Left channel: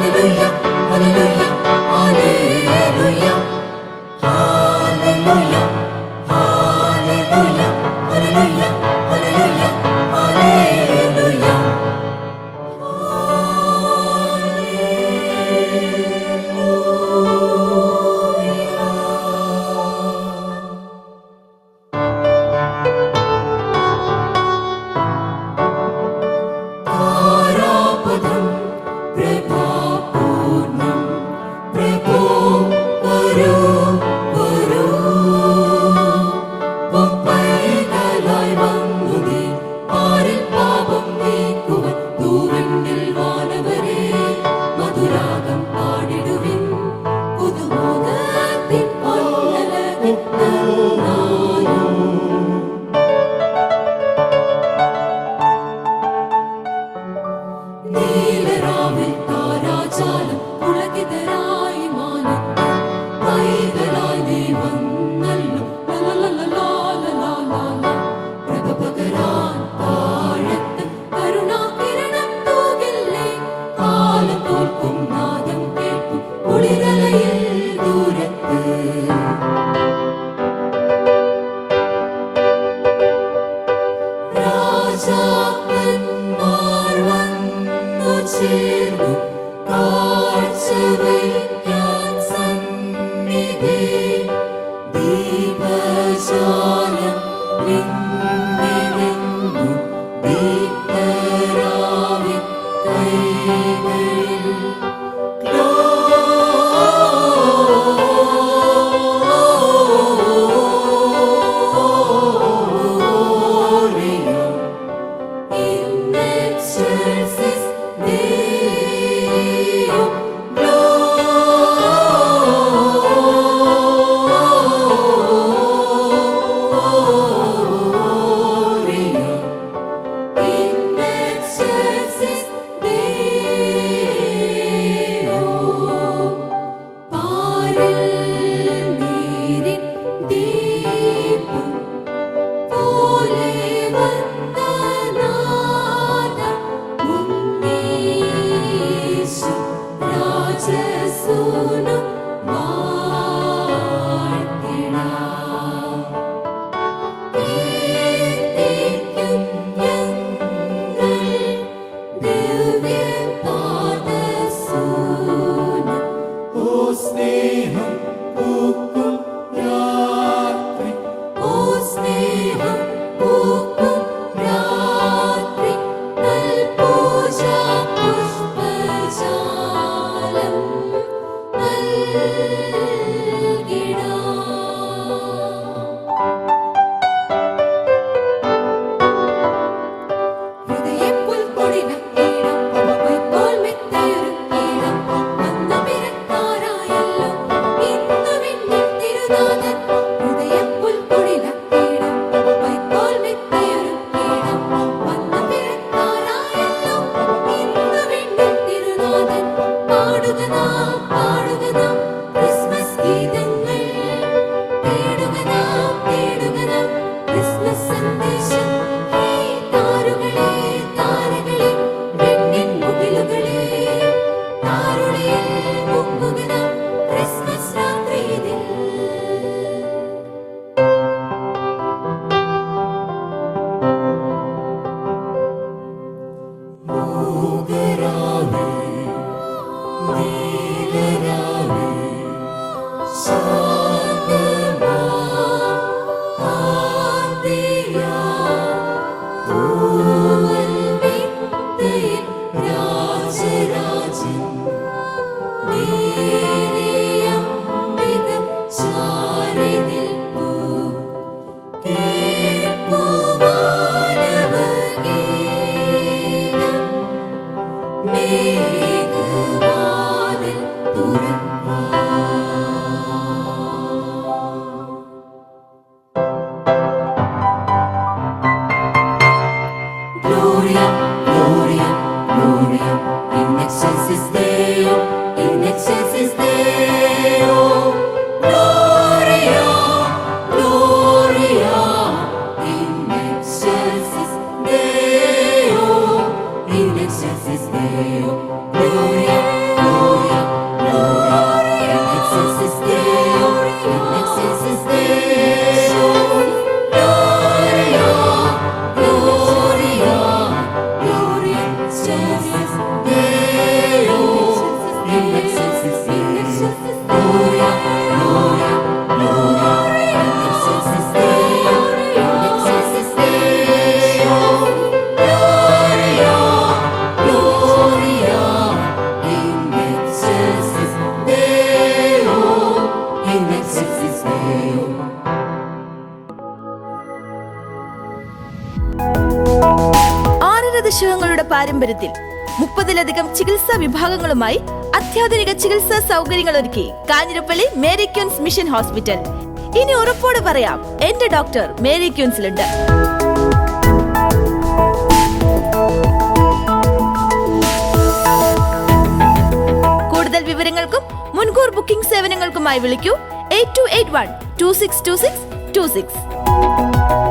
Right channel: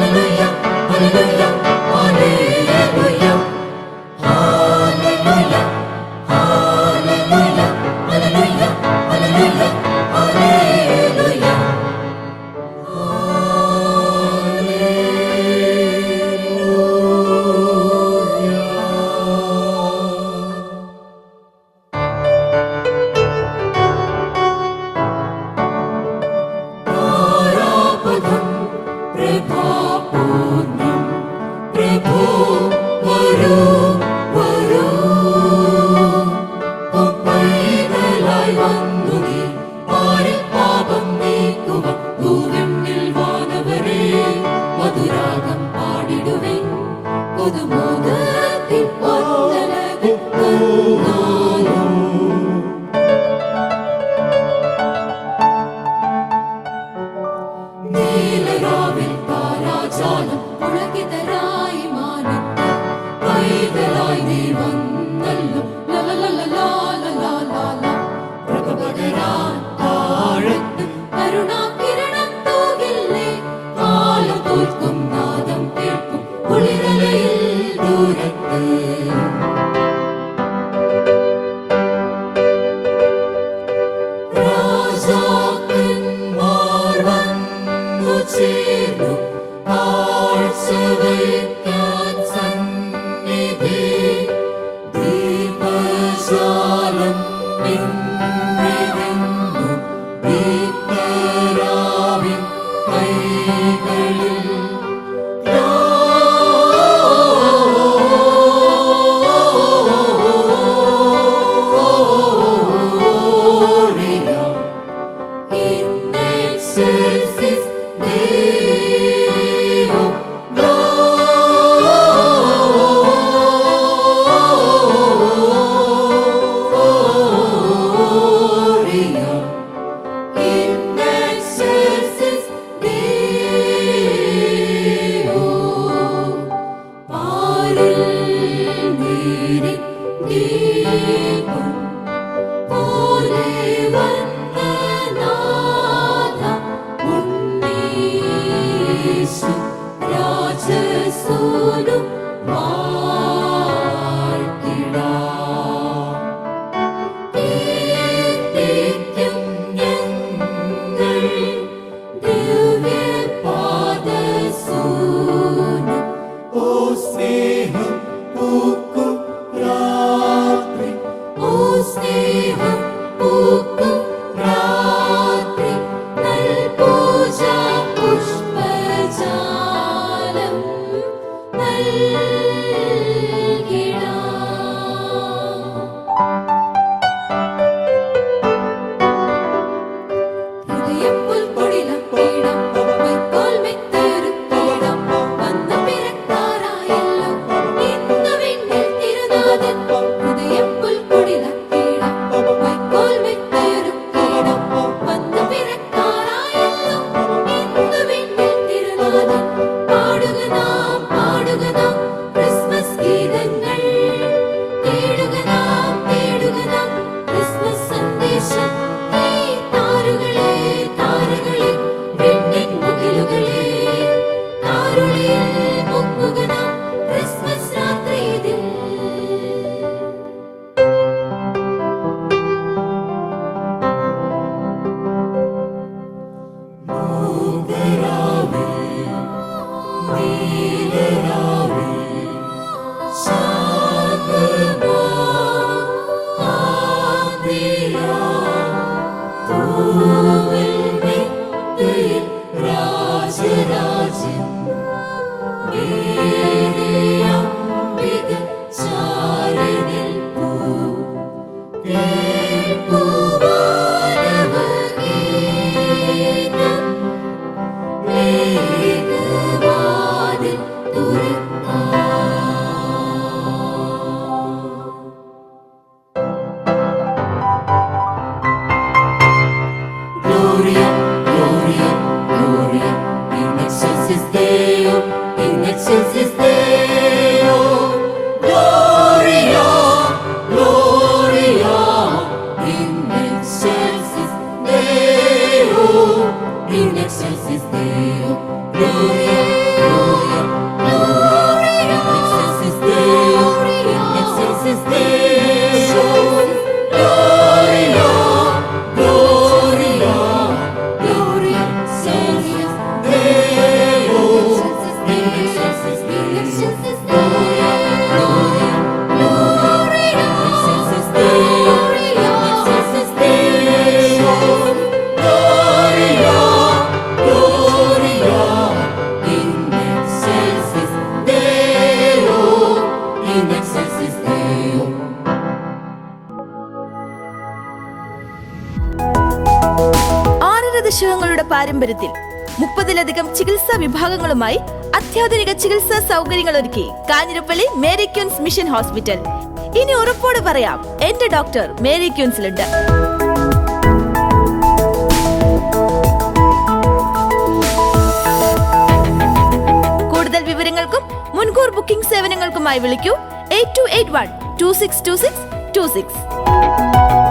Hallelujah, hallelujah, hallelujah, hallelujah, hallelujah, hallelujah, hallelujah, hallelujah. താരാപഥം പ്രഭാപൂർണം പ്രഭോ വരൂ വരൂ, പൈതലായി വന്നു നീ പാരിൽ പാപം നീക്കുക. തൂവെണ്ണിൽ വാനവരെ മധുരാഗം പാടിടുവിൻ, പുതുമോദത്തിൻ പൊന്നലകത്താലും. നീലരാവിൽ താരാജാലം പുളകിതരായി മാനത്ത് പൈതലായി നീ വന്നല്ലോ. ലലലലലാലലാല പ്രഭ പകരാൻ താഴത്ത് കരുണാകിരണം തൂകില്ലേ. കാലം തോൽക്കും നാദം കേൾക്കും കുളിരലയിൽ ദൂരത്ത്. രാജാക്കന്മാർ വന്നു ചേർന്നു കാഴ്ച വയ്ക്കാൻ സന്നിധി. ദീപജാലം പിന്നിരുന്നു ദീപരാവിൻ കൈകളിൽ. Gloria in excelsis Deo, Gloria in excelsis Deo. പാരിൽ നീരിൻ ദീപം പോലെ വന്ന നാഥ ഉണ്ണീശു രാജസൂനു വാഴ്ത്തിടാം. കീർത്തിക്കും ഞങ്ങൾ ദിവ്യപാദസൂനം. ഓ സ്നേഹം പൂക്കും രാത്രി, ഓ സ്നേഹം പൂക്കും രാത്രി, നൽപൂജാ പുഷ്പജാലം നൽകിടാം. ഹൃദയപ്പുൽക്കൊടിലക്കിടാം, വൈക്കോൽ മെത്തയൊരുക്കിടാം. വന്ന പിറക്കാറായല്ലോ ഇന്നു വിണ്ണിൽ തിരുനാഥൻ. ഹൃദയപ്പുൽക്കൊടിലക്കിടാം, വൈക്കോൽ മെത്തയൊരുക്കിടാം. വന്ന പിറക്കാറായല്ലോ ഇന്നു വിണ്ണിൽ തിരുനാഥൻ. പാടുക നാം ക്രിസ്മസ് ഗീതങ്ങൾ. തേടുക നാം ക്രിസ്മസ് സന്ദേശം. ഹേ താരുകളെ താരകളെ വെണ്ണിൻ മുകിലുകളെ, താരുളിയിൽ മുങ്ങുക നാം ക്രിസ്മസ് രാത്രി ഇതിൽ. മൂകരാവേ നീലരാവേ ശാന്തമാ ആന്തിയാ തൂവൽ മെത്തയിൽ രാജരാജൻ നേടിയംബിക ചാരി നിൽപ്പൂ. കേൾപ്പൂ മാനവഗീതം, മേഘവാതിൽ തുറക്കാം. Gloria, Gloria, Gloria in excelsis Deo, in excelsis Deo. Gloria, Gloria in excelsis Deo, in excelsis Deo. Gloria, Gloria. excelsis Deo. Gloria, Gloria, Gloria excelsis Deo. In excelsis Deo. Gloria, Gloria, Gloria. In excelsis Deo. In excelsis Deo. Gloria, Gloria. In excelsis Deo. In excelsis Deo. ദശകങ്ങളുടെ പാരമ്പര്യത്തിൽ 30-ലധികം ചികിത്സാ വിഭാഗങ്ങളുമായി അത്യാധുനിക ചികിത്സാ സൗകര്യങ്ങൾ ഒരുക്കി Kanjirappally Mary ക്യൂൻസ് mission hospital. ഇനി ഉറപ്പോടെ പറയാം, എന്റെ doctor Mary ക്യൂൻസിലുണ്ട്. കൂടുതൽ വിവരങ്ങൾക്കും മുൻകൂർ ബുക്കിംഗ് സേവനങ്ങൾക്കുമായി വിളിക്കൂ 8281 2626 26.